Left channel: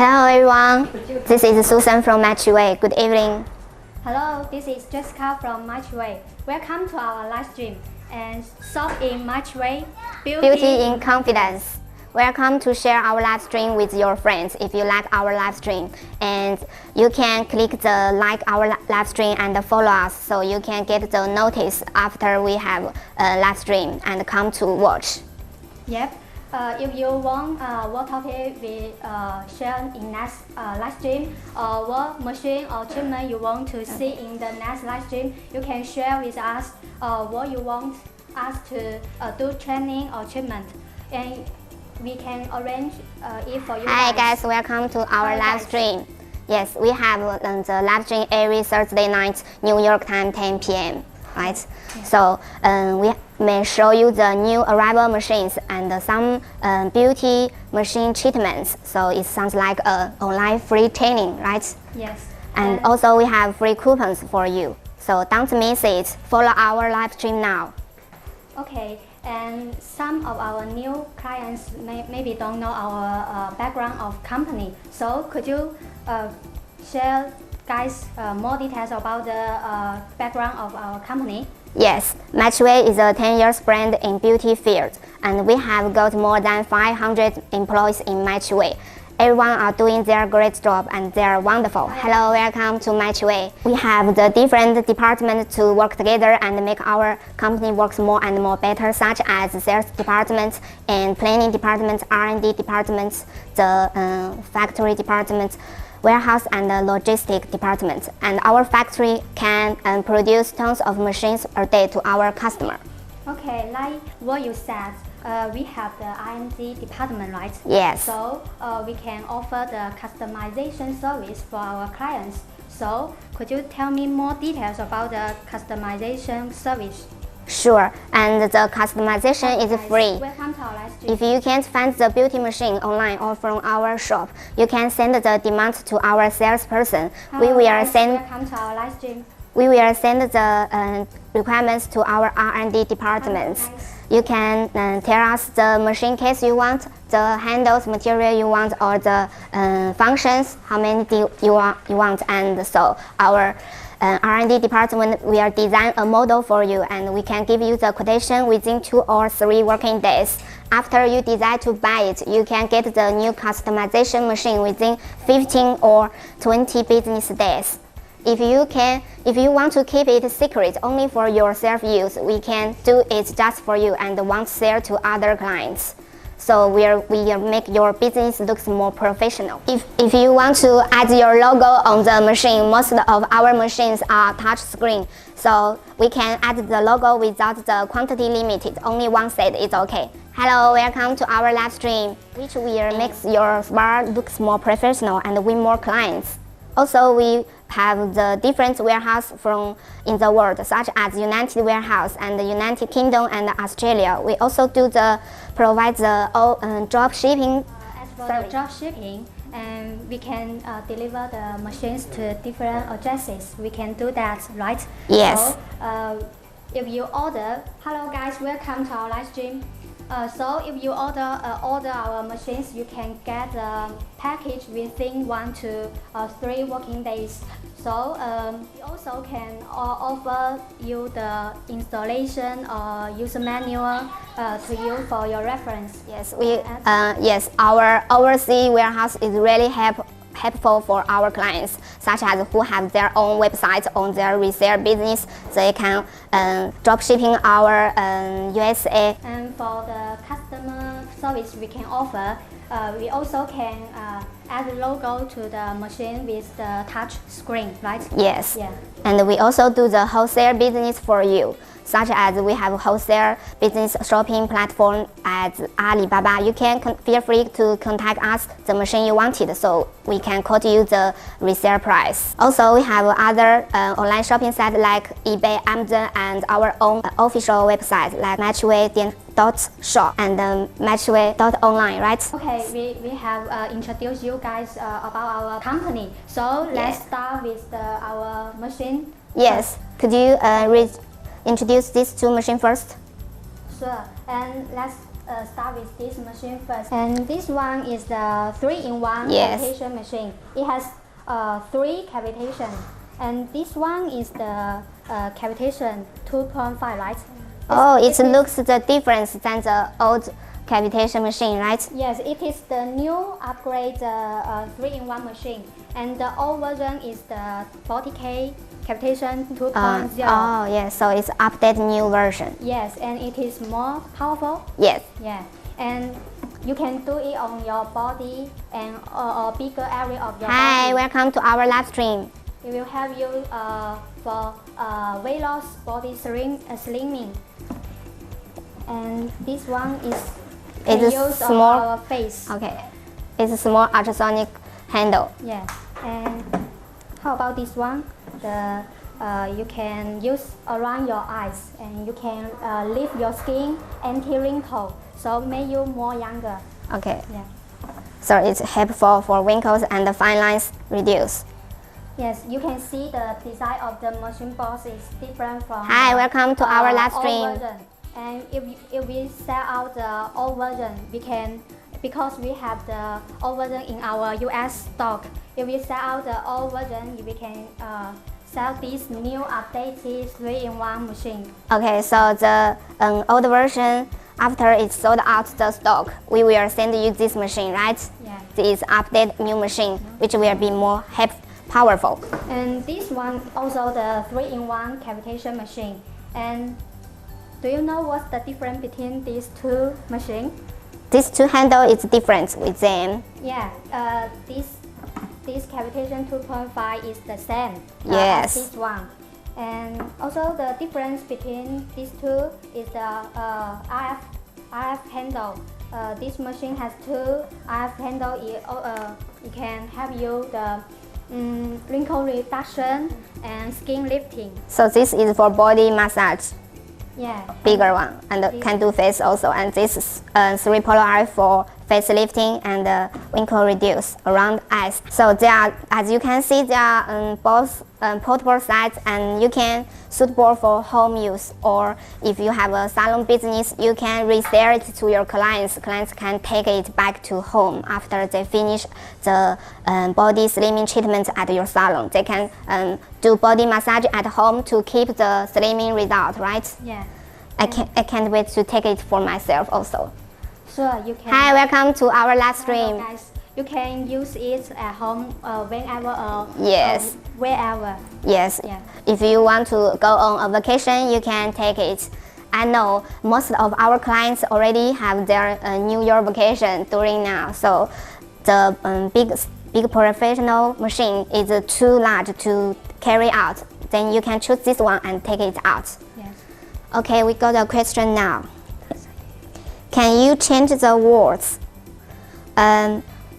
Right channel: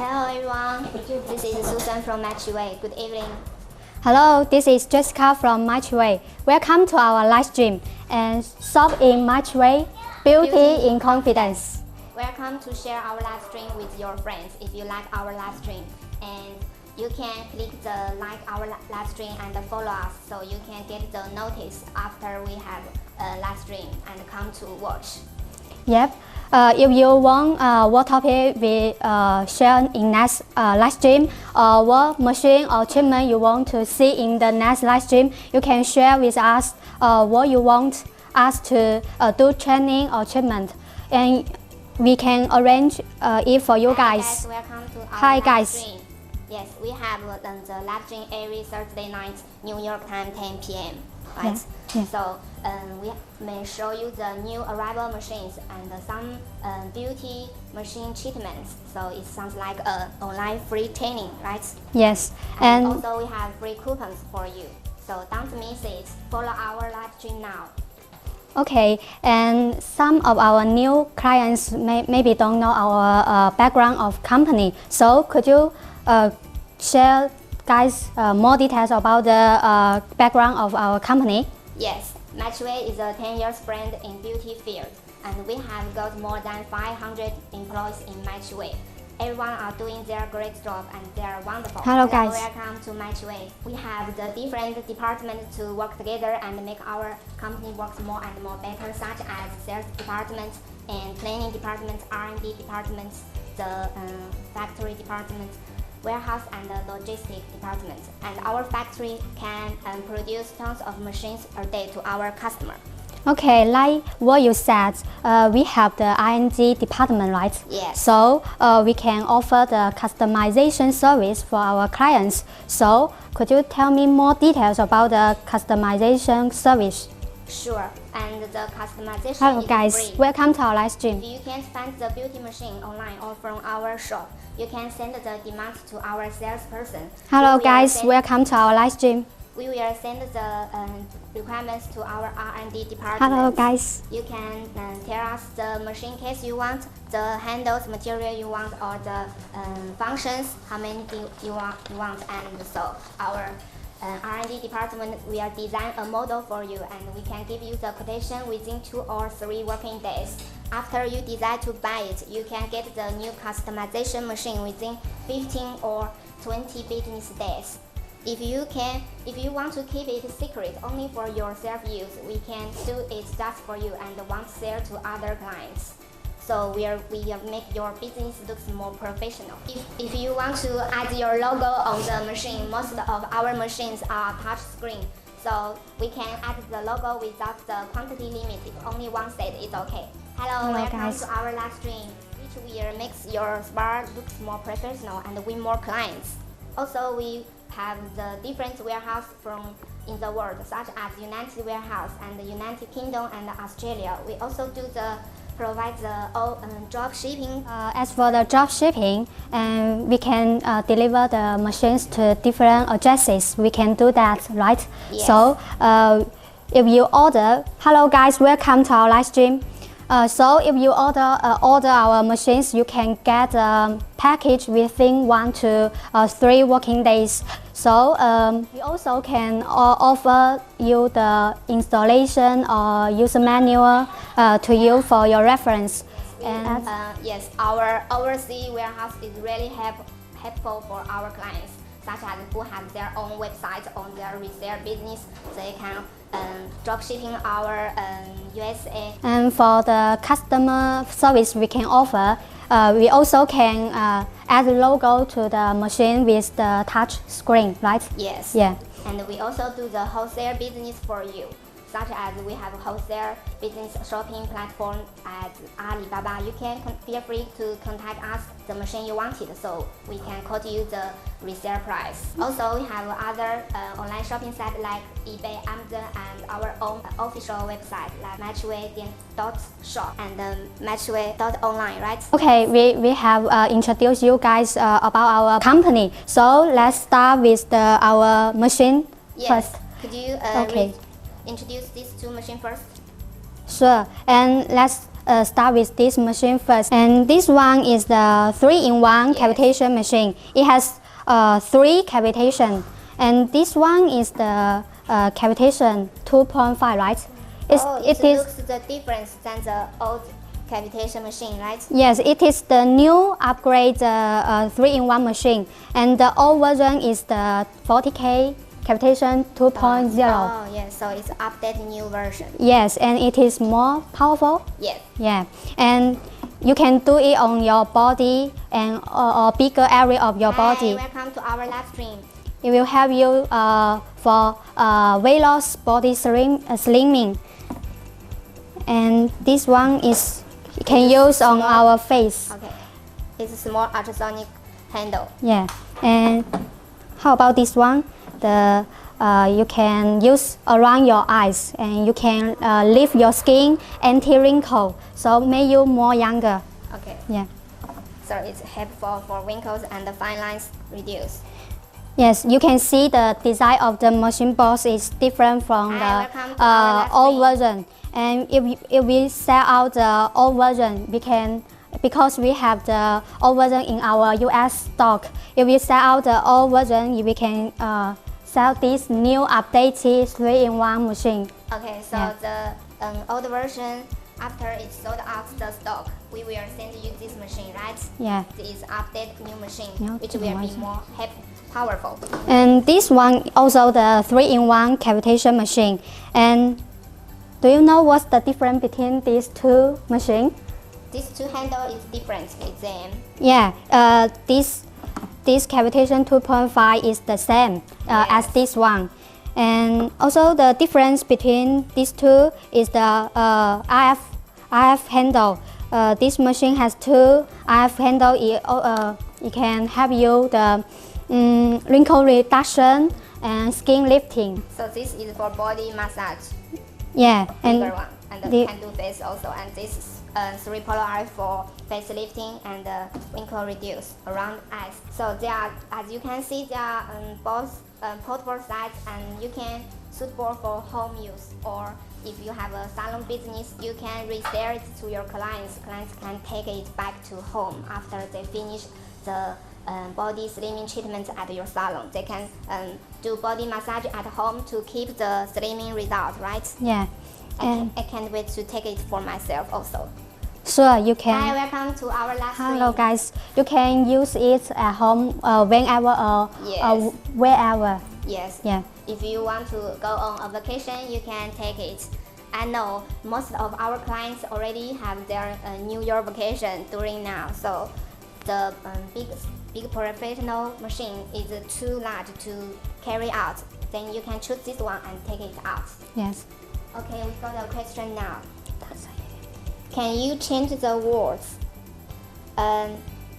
Hello everyone, this is Susan from Mychway. Good evening. Hello, this is Jessica from Mychway. Welcome to our live stream and shop in Mychway. Beauty in confidence. Welcome to share our live stream with your friends if you like our live stream. And you can click the like our live stream and follow us so you can get the notice after we have a live stream and come to watch. Yep. If you want what topic we share in next live stream or what machine or treatment you want to see in the next live stream, you can share with us what you want us to do training or treatment, and we can arrange it for you guys. Hi guys, welcome to our live stream. Yes, we have the live stream every Thursday night, New York time, 10 p.m. Right? Yes. So we may show you the new arrival machines and some beauty machine treatments. So it sounds like an online free training, right? Yes. And also we have free coupons for you. So don't miss it. Follow our live stream now. Okay, and some of our new clients maybe don't know our background of company. So could you share guys more details about the background of our company? Yes, Mychway is a 10 years brand in beauty field, and we have got more than 500 employees in Mychway. Everyone are doing their great job and they are wonderful. Hello, welcome to Mychway. We have the different departments to work together and make our company works more and more better, such as sales department and planning department, R&D departments, the factory department, warehouse and the logistic department. And our factory can produce tons of machines per day to our customer. Okay, like what you said, we have the R&D department, right? Yes. So we can offer the customization service for our clients. So could you tell me more details about the customization service? Sure, and the customization is free. Welcome to our live stream. If you can't find the beauty machine online or from our shop, you can send the demand to our salesperson. Hello guys, welcome to our live stream. We will send the requirements to our R&D department. Hello guys. You can tell us the machine case you want, the handles, material you want, or the functions, how many you want, and so our R&D department will design a model for you, and we can give you the quotation within 2 or 3 working days. After you decide to buy it, you can get the new customization machine within 15 or 20 business days. If you want to keep it secret only for your self-use, we can do it just for you and won't sell to other clients. So we make your business look more professional. If you want to add your logo on the machine, most of our machines are touch screen. So we can add the logo without the quantity limited. Only one set is okay. Hello, welcome to our live stream, which will make your bar looks more professional and win more clients. Also, we have the different warehouse from in the world, such as United Warehouse and the United Kingdom and Australia. We also provide the drop shipping. As for the drop shipping, we can deliver the machines to different addresses. We can do that, right? Yes. So if you order, hello guys, welcome to our live stream. So if you order our machines, you can get a package within 1 to 3 working days. So we also can offer you the installation or user manual to you for your reference. Yes, our overseas warehouse is really helpful for our clients, such as who have their own websites on their resale business. They can drop shipping our USA. And for the customer service we can offer, we also can add logo to the machine with the touch screen, right? Yes. Yeah. And we also do the wholesale business for you, such as we have a wholesale business shopping platform at Alibaba. You can feel free to contact us the machine you wanted, so we can quote you the resale price. Also, we have other online shopping sites like eBay, Amazon, and our own official website like Mychway.shop and Mychway.online, right? Okay, we have introduced you guys about our company. So let's start with our machine. Yes. First. Could you introduce these 2 machines first? Sure, and let's start with this machine first. And this one is the 3-in-1 Yes. cavitation machine. It has 3 cavitation. And this one is the cavitation 2.5, right? It looks the difference than the old cavitation machine, right? Yes, it is the new upgrade 3-in-1 machine. And the old version is the 40K cavitation 2.0. Oh, yes, so it's updated new version. Yes, and it is more powerful. Yes. Yeah, and you can do it on your body and or bigger area of your Hi, body. welcome to our live stream. It will help you for weight loss, body slimming. And this one is can use on our face. Okay, it's a small ultrasonic handle. Yeah, and how about this one? The you can use around your eyes, and you can leave your skin anti-wrinkle, so make you more younger. Okay. Yeah. So it's helpful for wrinkles and the fine lines reduce. Yes, you can see the design of the machine box is different from Hi, the welcome to our live old stream. version. And if we sell out the old version, we can, because we have the old version in our US stock. If we sell out the old version, we can sell this new updated 3-in-1 machine. Okay, so the old version, after it's sold out the stock, we will send you this machine, right? Yeah. This updated new machine, which will be more powerful. And this one also the 3-in-1 cavitation machine. And do you know what's the difference between these two machines? These two handles is different with them. Yeah, this cavitation 2.5 is the same Yes. as this one. And also the difference between these two is the RF handle. This machine has 2 RF handle. It can help you the wrinkle reduction and skin lifting. So this is for body massage, Yeah, bigger one, and can do face also. And this is 3 polar RF for face lifting and wrinkle reduce around eyes. So they are, as you can see, they are both portable size, and you can suitable for home use, or if you have a salon business, you can resell it to your clients. Clients can take it back to home after they finish the body slimming treatment at your salon. They can do body massage at home to keep the slimming result, right? Yeah. I can't wait to take it for myself also. Sure, you can. Hi, welcome to our live stream. Hello guys, you can use it at home whenever or Yes. wherever. Yes. Yeah. If you want to go on a vacation, you can take it. I know most of our clients already have their New Year vacation during now, so the big professional machine is too large to carry out. Then you can choose this one and take it out. Yes. Okay, we got a question now. Can you change the words?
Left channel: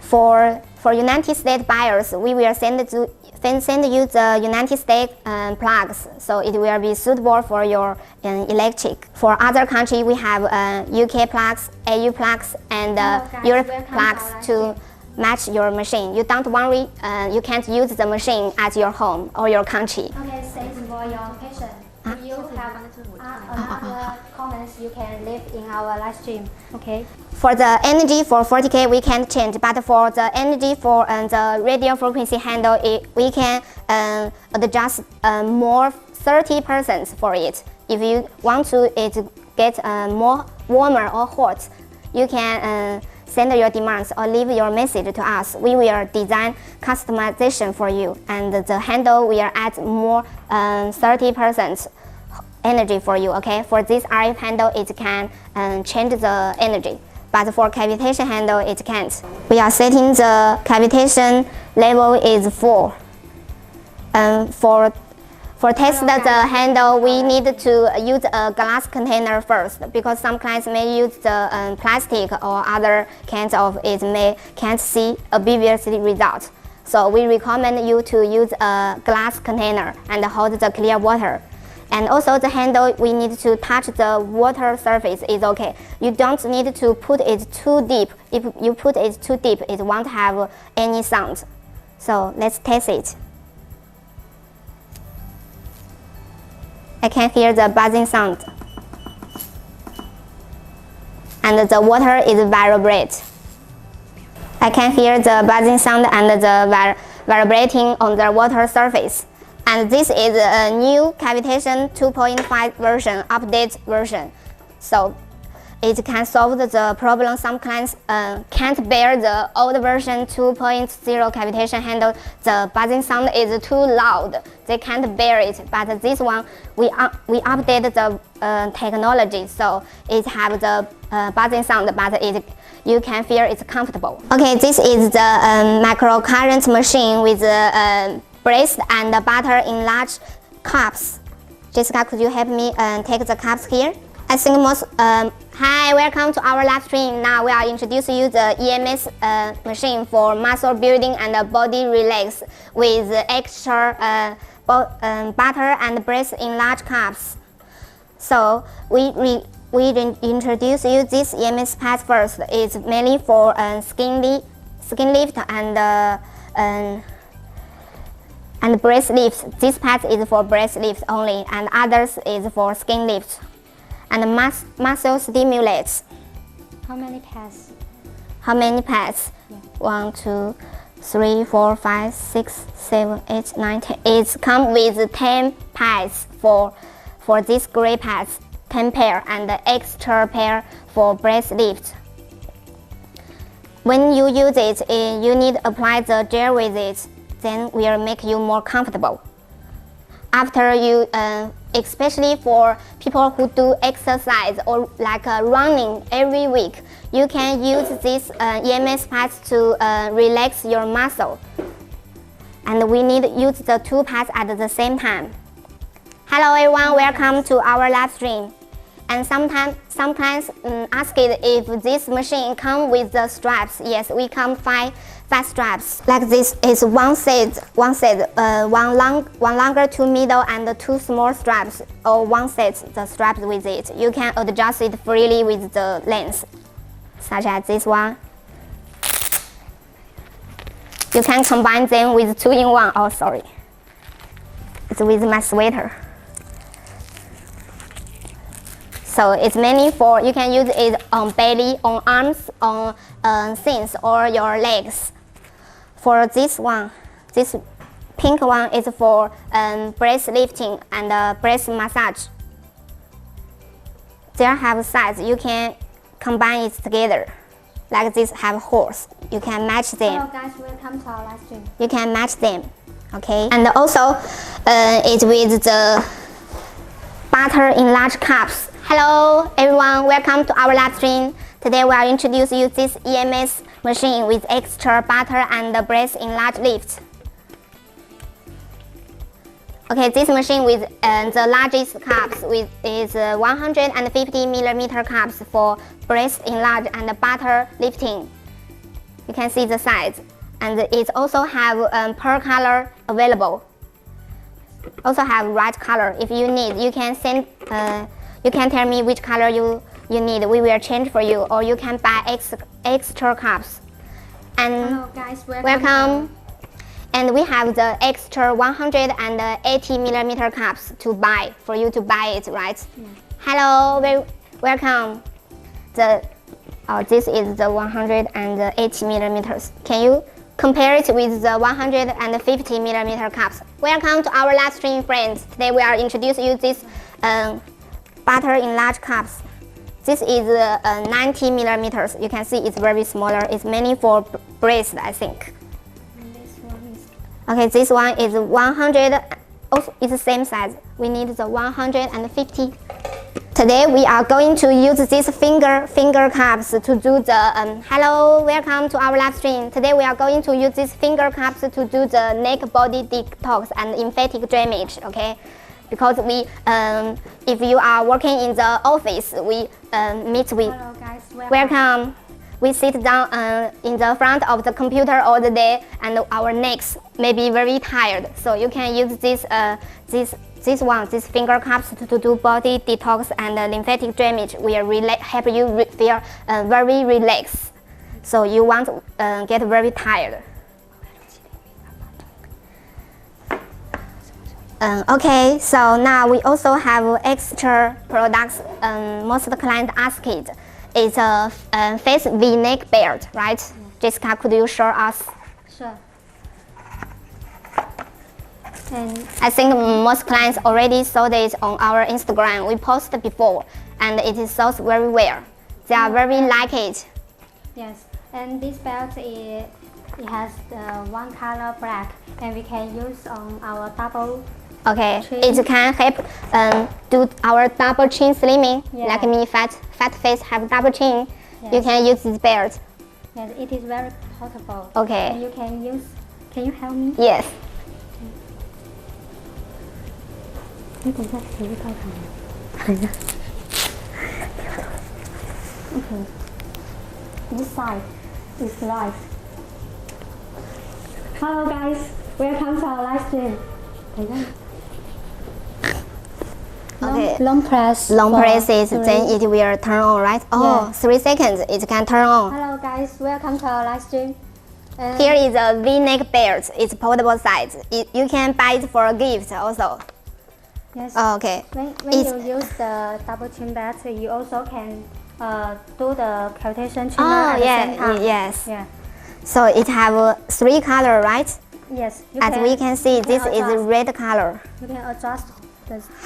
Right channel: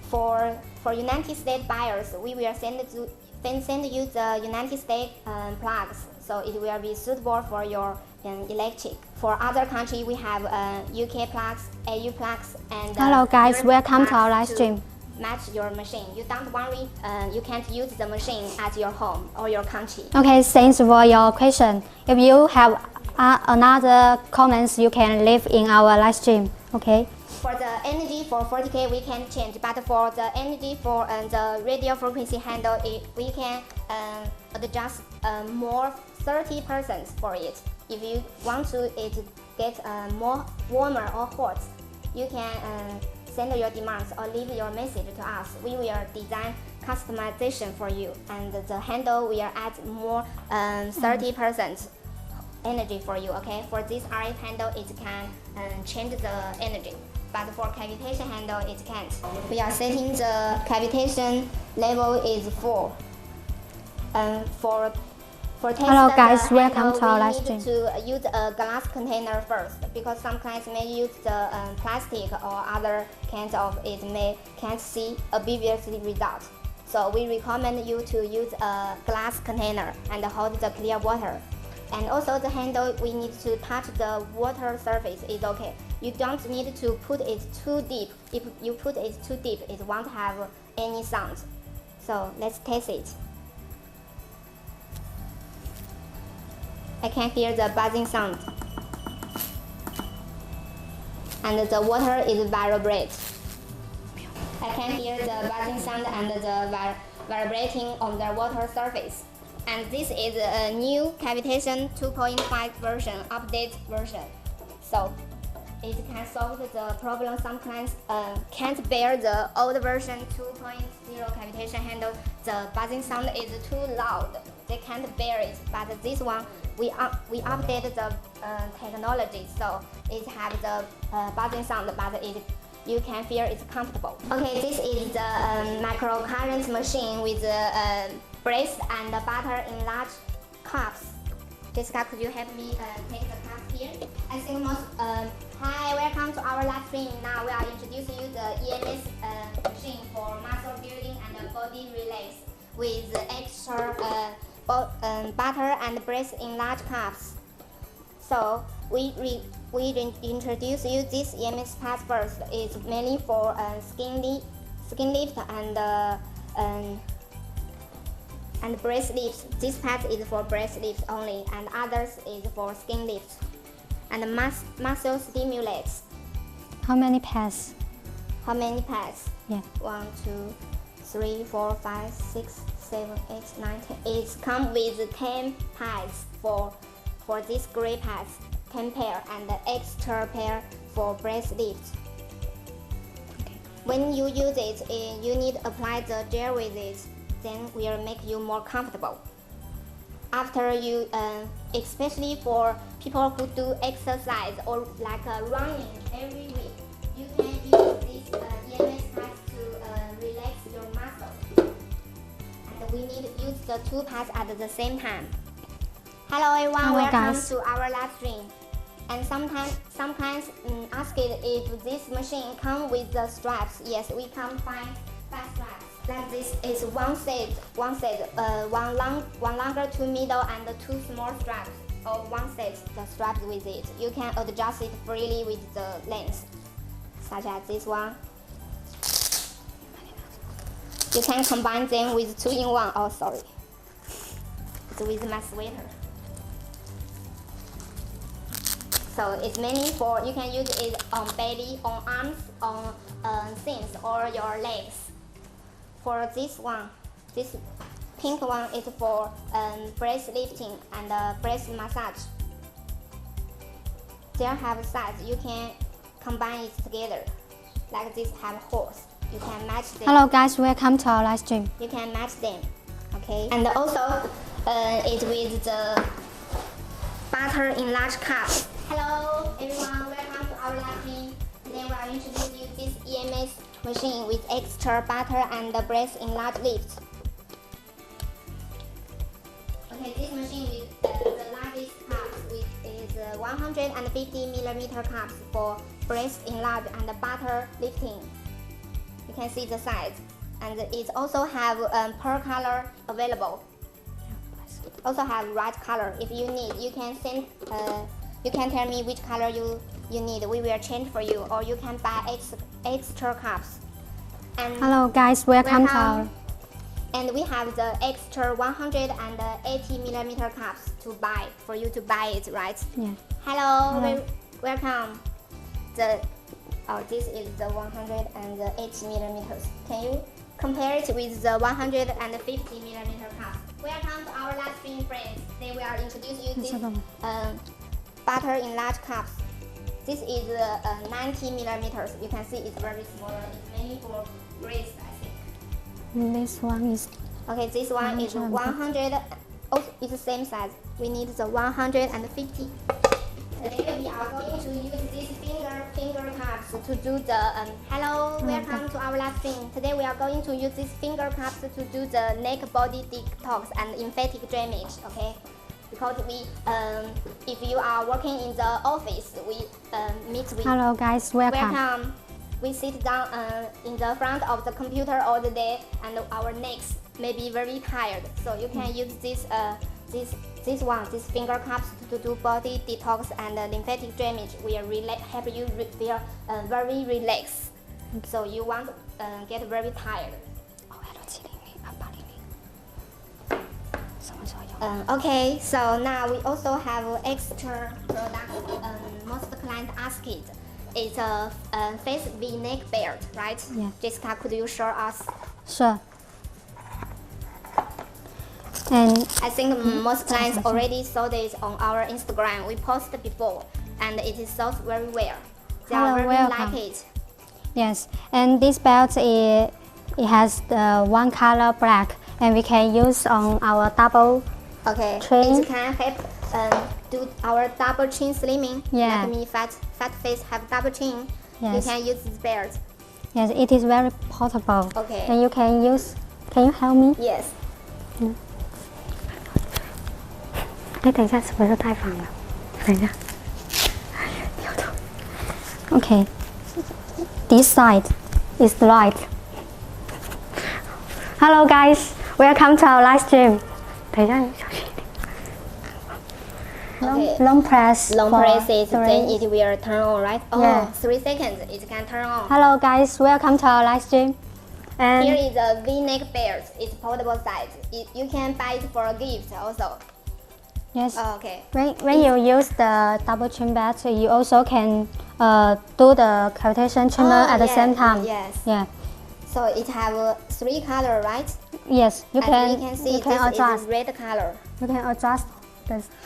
For United States buyers, we will send you the United States plugs, so it will be suitable for your electric. For other country, we have UK plugs, AU plugs, and Hello guys, Europe welcome to our live plugs to stream. match your machine. You don't worry, you can't use the machine at your home or your country. Okay, thanks for your question. If you have another comments, you can leave in our live stream. Okay. For the energy for 40K, we can't change, but for the energy for the radio frequency handle, we can adjust more 30% for it. If you want to get more warmer or hot, you can send your demands or leave your message to us. We will design customization for you, and the handle will add more 30% energy for you. Okay, for this RF handle, it can change the energy, but for cavitation handle, it can't. We are setting the cavitation level is 4. For test Hello, the guys, handle, we welcome to our need to use a glass container first, because some clients may use the plastic or other kinds of it can't see obvious result. So we recommend you to use a glass container and hold the clear water. And also the handle, we need to touch the water surface is okay. You don't need to put it too deep. If you put it too deep, it won't have any sound. So let's test it. I can hear the buzzing sound. and the water is vibrate. I can hear the buzzing sound and the vibrating on the water surface. And this is a new Cavitation 2.5 version, update version. So it can solve the problem some clients can't bear the old version 2.0 cavitation handle. The buzzing sound is too loud. They can't bear it. But this one, we update the technology, so it have the buzzing sound, but you can feel it's comfortable. Okay, this is the microcurrent machine with braised and butter in large cups. Jessica, could you help me take the cups here? I think most, hi, welcome to our live stream. Now we are introducing you the EMS machine for muscle building and body relax with extra butter and braised in large cups. So we introduce you this EMS pad first. It's mainly for skin lift and breast lift. This pad is for breast lift only, and others is for skin lift. And muscle stimulates. How many pads? How many pads? Yeah. 1, 2, 3, 4, 5, 6, 7, 8, 9, 10. It comes with 10 pads for these gray pads, 10 pair, and the extra pair for breast lift. When you use it, you need to apply the gel with it. Then will make you more comfortable. After you, especially for people who do exercise or like running every week, you can use this EMS pads to relax your muscle. And we need to use the two pads at the same time. Hello everyone, welcome to our live stream. And some clients ask it if this machine comes with the straps. Yes, we come 5 straps. Like this is one set, one longer, 2 middle, and 2 small straps, or one set the straps with it. You can adjust it freely with the length, such as this one. You can combine them with 2-in-1. Oh, sorry. It's with my sweater. So it's mainly for, you can use it on belly, on arms, on things, or your legs. For this one, this pink one is for breast lifting and breast massage. They have sides, you can combine it together. Like this have horse, you can match them. Hello guys, welcome to our live stream. You can match them, okay? And also, it's with the butter in large cups. Hello everyone, welcome to our live stream. Today we are introducing you this EMS machine with extra butter and brace in large lift. Okay, this machine with the largest cups is 150mm cups for breast enlarge and butter lifting. You can see the size, and it also have per color available. Also have right color. If you need, you can send. You can tell me which color you need. We will change for you, or you can buy extra cups. And hello guys, welcome. And we have the extra 180mm cups to buy for you to buy it, right? Yeah. Hello, welcome. This is the 180mm. Can you compare it with the 150mm cups? Welcome to our live stream, friends. Today we are introducing you this butter in large cups. This is 90mm. You can see it's very smaller. It's mainly for breast, I think. This one is... Okay, this one is 100. Also, it's the same size. We need the 150. Today we are going to use these finger cups to do the hello, welcome to our live stream. Today we are going to use these finger cups to do the neck body detox and lymphatic drainage. Okay, because we if you are working in the office, we meet with. Hello guys, welcome. We sit down in the front of the computer all the day, and our necks may be very tired. So you can use these finger cups to do body detox and lymphatic drainage. Will help you feel very relaxed. So you won't get very tired. Okay, so now we also have extra products. Most of the clients ask it. it's a face V-neck belt, right? Yeah. Jessica, could you show us? Sure. And I think most clients already saw this on our Instagram. We posted before, and it is sold very well. They are very like it. yes, and this belt it has the one color black, and we can use on our double. Okay, Chin. it can help do our double chin slimming. Yeah. Like me, fat face have double chin. You Yes. can use this belt. Yes, it is very portable. Okay. And you can use. Can you help me? Yes. 你等一下，是不是太烦了？等一下。Okay. This side is right. Hello guys, welcome to our live stream. 等一下，小心一点。 Okay. Long press. Long for presses, three. then it will turn on, right? Oh, Yeah. 3 seconds, it can turn on. Hello guys, welcome to our live stream. And Here is a V-neck belt. It's portable size. You can buy it for a gift also. yes. Oh, okay. When you use the double chin belt, you also can do the cavitation trimmer at the same time. Yes. Yeah. So it have 3 color, right? Yes. You As we can see, you this is adjust. red color. You can adjust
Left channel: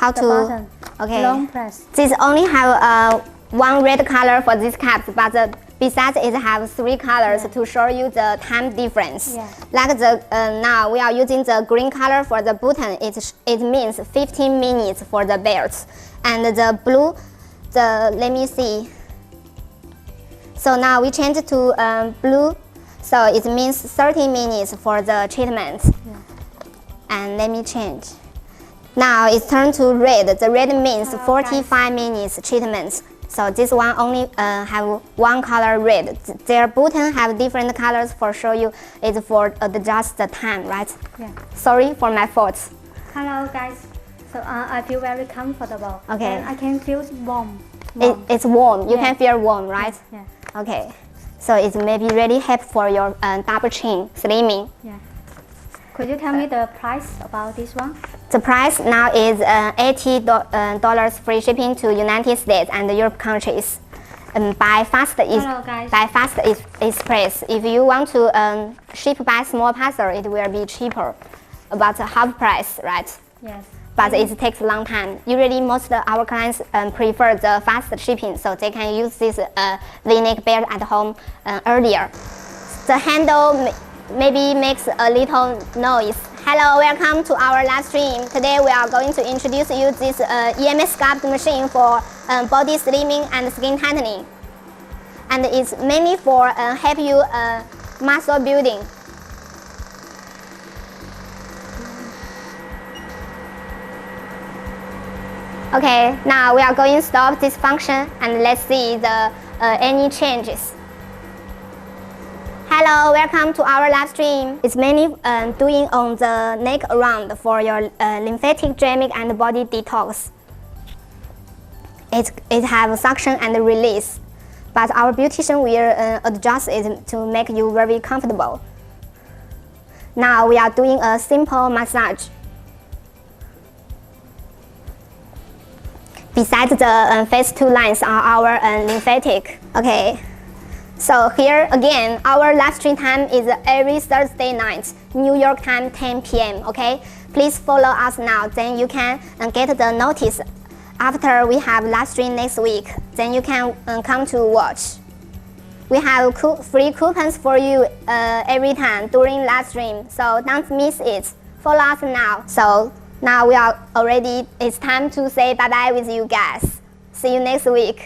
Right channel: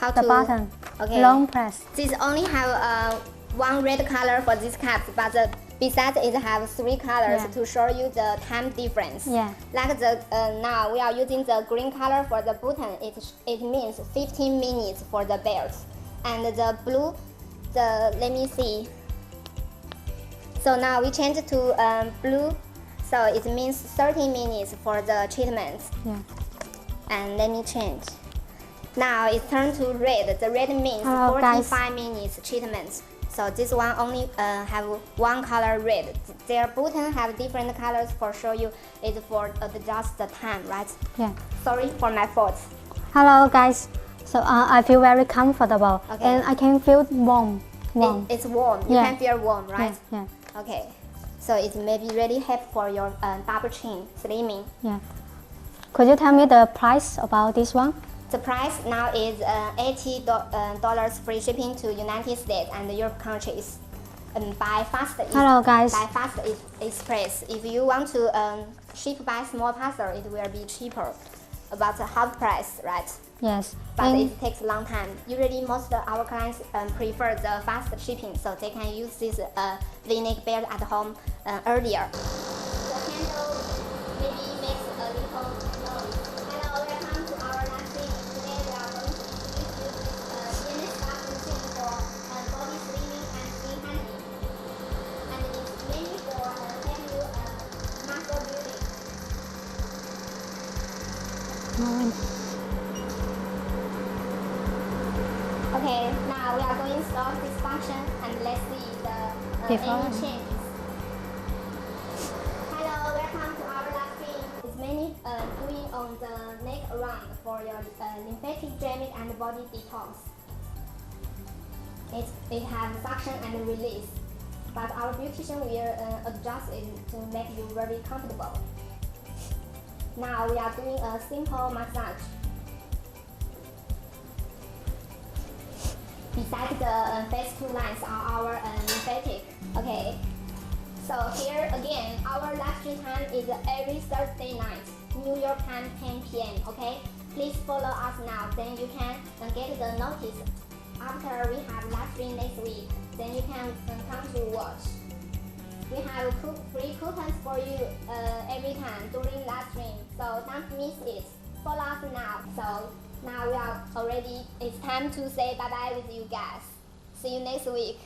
How the to- button. Okay. Long press. This only have one red color for this cat, but besides it have 3 colors Yeah. to show you the time difference. Yeah. Like the now we are using the green color for the button. It means 15 minutes for the belt, and the blue, let me see. So now we change to blue, so it means 30 minutes for the treatment. Yeah. And let me change. Now it's turned to red. The red means Oh, 45 minutes treatment. So this one only have one color red. Their button have different colors for show you. It's for adjust the time, right? Yeah. Sorry for my fault. Hello guys. So I feel very comfortable. Okay. And I can feel warm. It's warm. You Yeah. can feel warm, right? Yeah. Okay. So it may be really help for your double chin slimming. Yeah. Could you tell me the price about this one? The price now is $80 free shipping to United States and Europe countries. By Hello, guys. By Fast Express. If you want to ship by small parcel, it will be cheaper, about half price, right? Yes. But it takes a long time. Usually, most of our clients prefer the fast shipping, so they can use this V-neck belt at home earlier. The handle maybe makes a little noise. Hello, welcome to our live stream. Today we are going to introduce you this Emsculpt machine for body slimming and skin tightening. And it's mainly for help you muscle building. Okay, now we are going to stop this function and let's see the any changes. Hello, welcome to our live stream. It's mainly doing on the neck around for your lymphatic drainage and body detox. It have suction and release, but our beautician will adjust it to make you very comfortable. Now we are doing a simple massage. Besides the phase 2 lines are our lymphatic. Okay. So here again, our live stream time is every Thursday night, New York time 10 p.m. Okay, please follow us now. Then you can get the notice after we have live stream next week. Then you can come to watch. We have free coupons for you every time during live stream. So don't miss it. Follow us now. So now we are already. It's time to say bye bye with you guys. See you next week.